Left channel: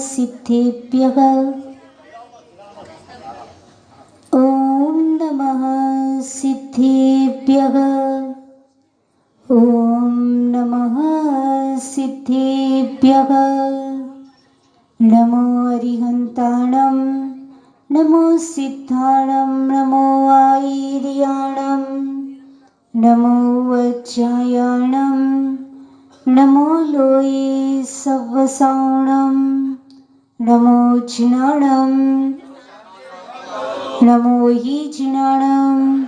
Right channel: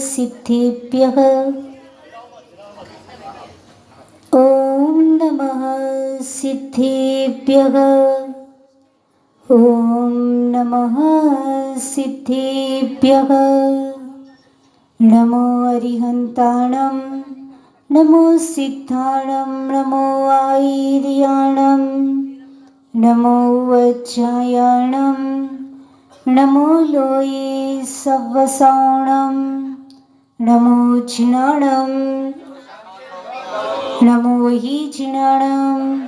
सिद्धिभ्यः ॐ नमः सिद्धिभ्यः ॐ नमः सिद्धिभ्यः नमो अरिहन्ताणं नमो सिद्धाणं नमो आयर्याणं नमो वज्रायाणं नमो लोये सवसाणं नमो जिनाणं नमो हि जिनाणं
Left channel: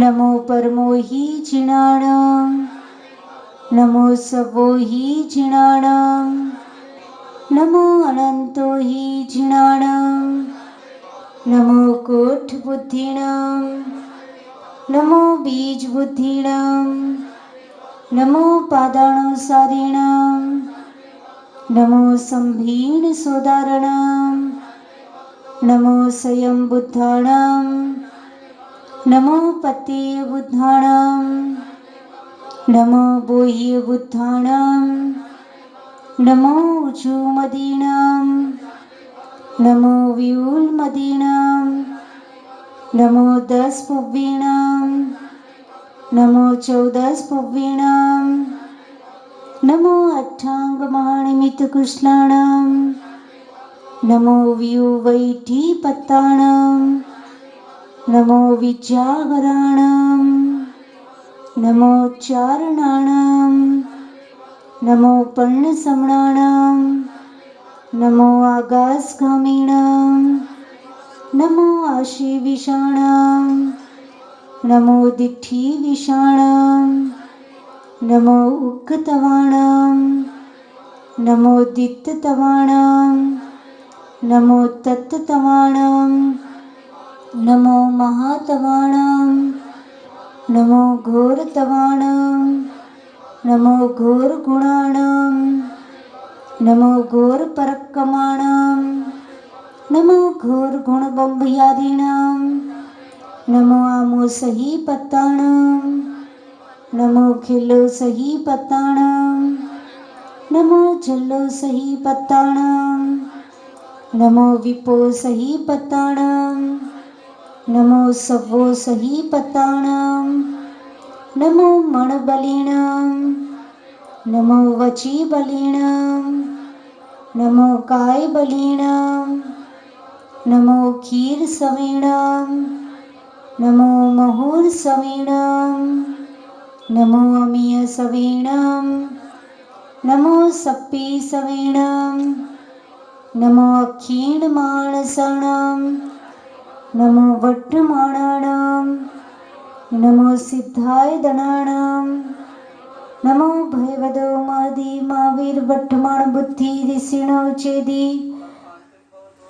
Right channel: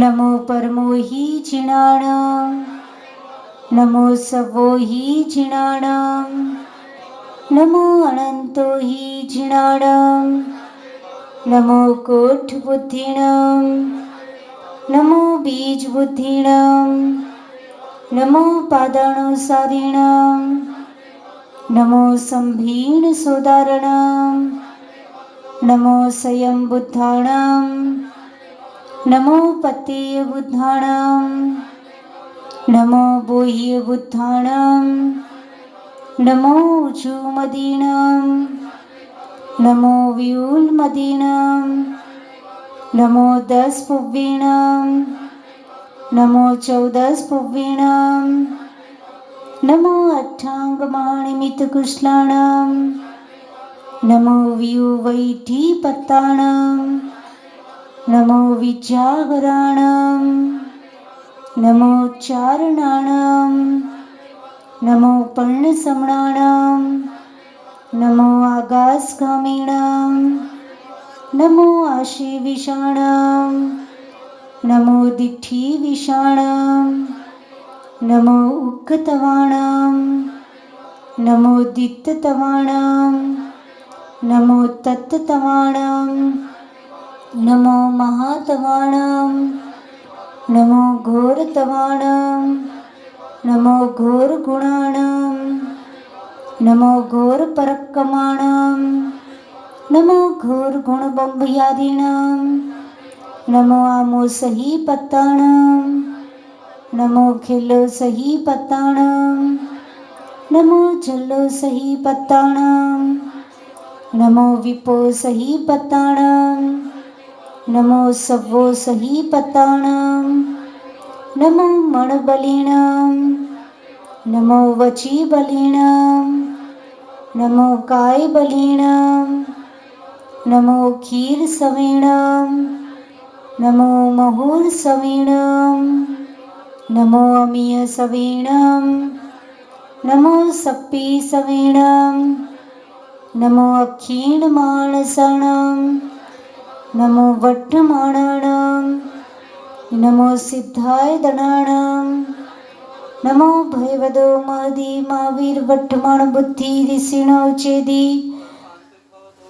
नमो परमो हि जिनाणं नमो सवो हि जिनाणं नमो अनन्तो हि जिनाणं नमो कोटबुद्धिणं नमो बीजबुद्धिणं नमो पादानुसारिणं नमो संभीणसोदारणं नमो स्वयंबुद्धाणं नमो पतिबुद्धाणं नमो बोह्यबुद्धाणं नमो ऊजुमदीनं नमो व्यूलमदीनं नमो दशपुवीणं नमो चौदशपुवीणं नमो अट्टाङ्गमहानिमित्तकुशलाणां नमो व्यूवैठीपत्ताणां नमो विद्यागराणां नमो चारणाणां नमो पर्णसमणाणां नमो आकाशगामिणां नमो आशीविषाणां नमो दिठीविषाणां नमो उक्कतवाणां नमो दित्ततवाणां नमो तत्तवाणां नमो महातवाणां नमो घोरतवाणां नमो घोरगुणाणां नमो घोरपरक्रमाणां नमो घोरगुणबम्बयादीनां नमो आमोसहीपत्ताणां नमो खिल्लोसहीपत्ताणां नमो जल्लोसहीपत्ताणां नमो विपोसहीपत्ताणां नमो सवोसहीपत्ताणां नमो मणबलिनां नमो वचीबलिनां नमो कायबलिनां नमो क्षीरसवीणां नमो महुरसवीणां नमो अमीयसवीणां नमो सप्पीसवीणां नमो अक्षीणमानसाणां नमो वट्टमाणाणां नमो सिद्धायदणाणां नमो भयवदो मादि महावीर वट्टमाण बुद्धि ऋषिणो चेदि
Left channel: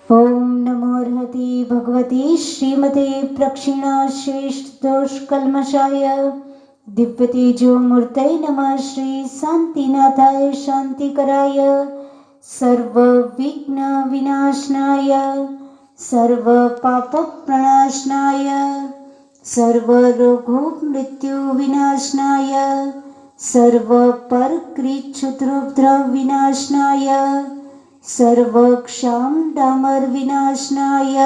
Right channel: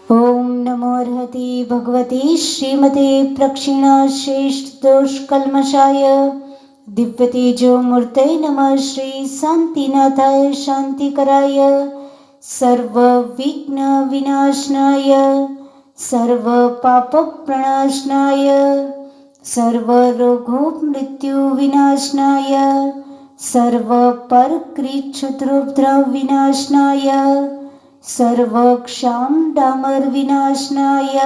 ओम नमो अर्हति भगवती श्रीमते प्रक्षिणा श्रेष्ठ दोष कल्मषाय दिव्य तेजो मूर्तये नमः श्री शांतिनाथाय शांतिकराय सर्व विघ्न विनाशनाय सर्व पाप प्रणाशनाय सर्व रोगो मृत्यु विनाशनाय सर्व परकृच्छुद्रोपद्रव विनाशनाय सर्व क्षाम डामर विनाशनाय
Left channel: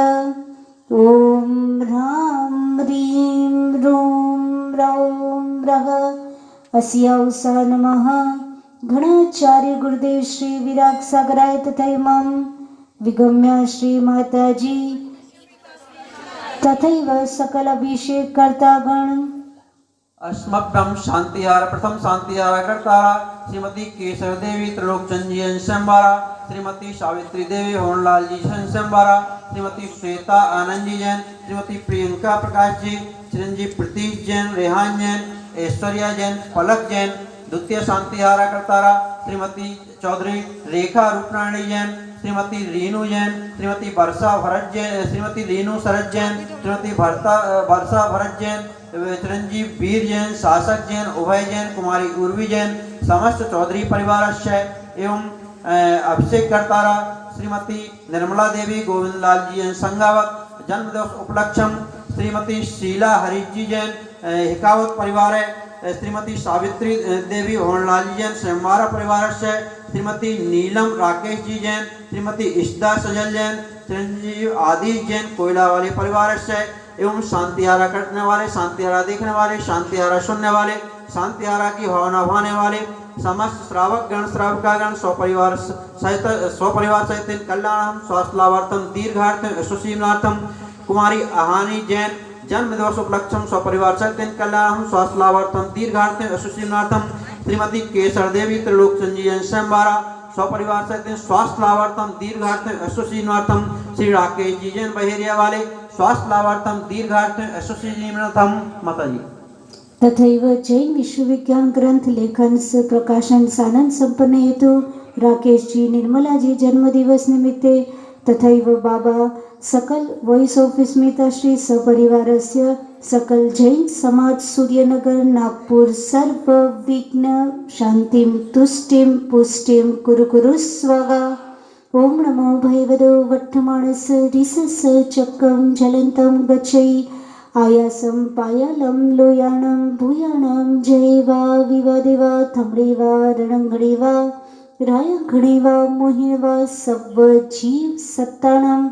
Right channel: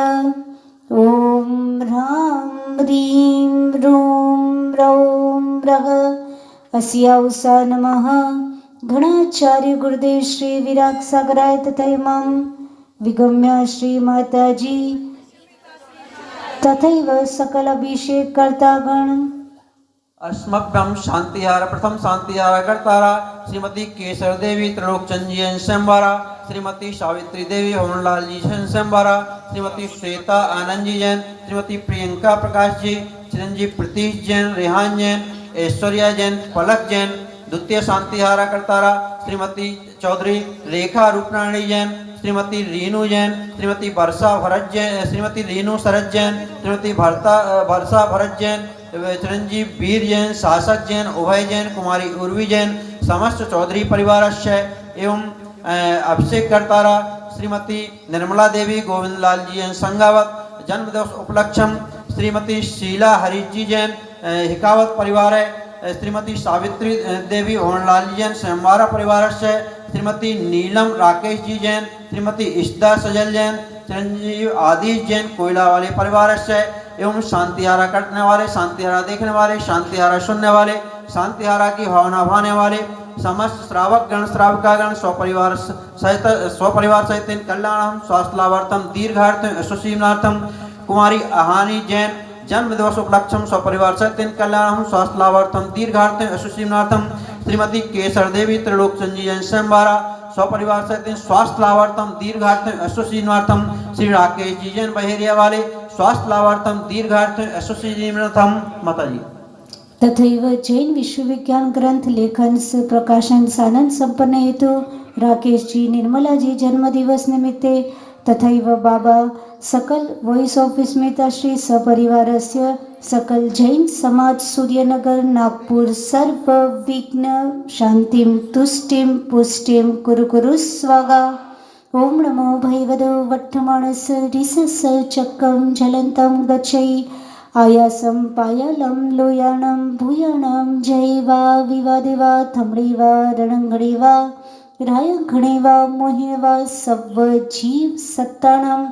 ओम ह्रां ह्रीं ह्रूं ह्रौं ह्रः अस्यावसा नमः घणाचार्य गुरुदेव श्री विराग सागराय तथा इमाम विगम्या श्री माताजी तथैव सकल अभिषेक कर्ता गण अस्मभ्यं शांतिहार प्रथम शांतिहार करतारा श्रीमती केशव देवी त्रिलोक चंदी संवारा श्रीमती सावित्री देवी होनलाल जी संवारा श्रीमती श्वेता आनंद जी जैन श्रीमती प्रियंका प्रकाश जी चिरंजीव प्रतीश जैन रेहान जैन ऐश्वर्या जैन पलक जैन द्वितीय शांतिहारा करतारा श्रीमती चौधरी रेखा रूपनारायणी जैन श्रीमती रीनू जैन श्रीमती वर्षा भरत जैन श्रीमती रीनू शरद जैन श्रीमती वर्षा भरत जैन चिरंजीव वीर जैन शासक जैन उभय जैन कुमारी उर्वी जैन समस्त चौधरी परिवारस्य एवं अभिषेक करतारा श्रीमती निर्मला देवी गोविंद लाल जी जैन संगावत जन्मदिवस उपलक्ष्यम श्रीमती शीला हरीश जी जैन हिकावत परिवार श्रीमती सावित्री देवी होनलाल जी जैन सेमवारा परिवार से, श्रीमती नीलम राकेश जी जैन, श्रीमती इश्दा सजल जैन, चिरंजीव आदिश जैन कोयला वाले परिवार से एवं शांतिहारा करने वाले, शांतिहारा देखने वाले, शांतिहारा सुनने वाले, शांतिहारा की भावना भाने वाले समस्त श्रावक गण श्राविका गण स्वपरिवार सहित कल्याणम स्वास्थ्य लाभार्थम दीर्घार्थम यशस्वीनार्थम कुमारी आहानी जैन जन्म दिवस उपलक्षम स्वपरिवार सहित कल्याणम स्वास्थ्य लाभार्थम दीर्घार्थम यशस्वीनार्थम श्रीमती केसर देवी त्रिलोक संजीवन संबारा स्वपरिवार सहित स्वास्थ्य लाभार्थम दीर्घार्थम यशस्वीनार्थम श्री राकेश जी जैन बहेरिया वाले स्वास्थ्य लाभार्थम दीर्घार्थम यशस्वीनार्थम माता जी। तथैव जैन विश्वविज्ञान ग्रंथ लेखन से प्रकाशन सानंद संपन्न हेतु राकेश जी निर्मला जी जन्मदिवस निमित्ते तथैव बाबा सकल वॉइस ऑफ स्मिता श्री सपरिवारस्य सकल जैन समाज सूर्यनगर नागपूर सर्व विघ्न शांतिं तुष्टिं पुष्टिं कुरु कुरु स्वाहा। ओम नमो भैवदो वट्टमानस रिसस चक्रं ज्वलन्तं गच्छै आयासं पायालं लोयानं भूयानं जयेवा विवादेवा थमडेवा रणंगडेवा रायंगणेवा मोहिनवा सव्व जीव सत्तानां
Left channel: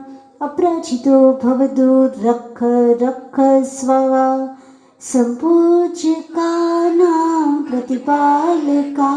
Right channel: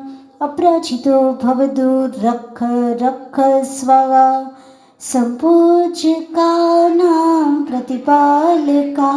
अपराजितो भवतु रक्ष रक्ष स्वाहा। संपूज्यकानां प्रतिपालका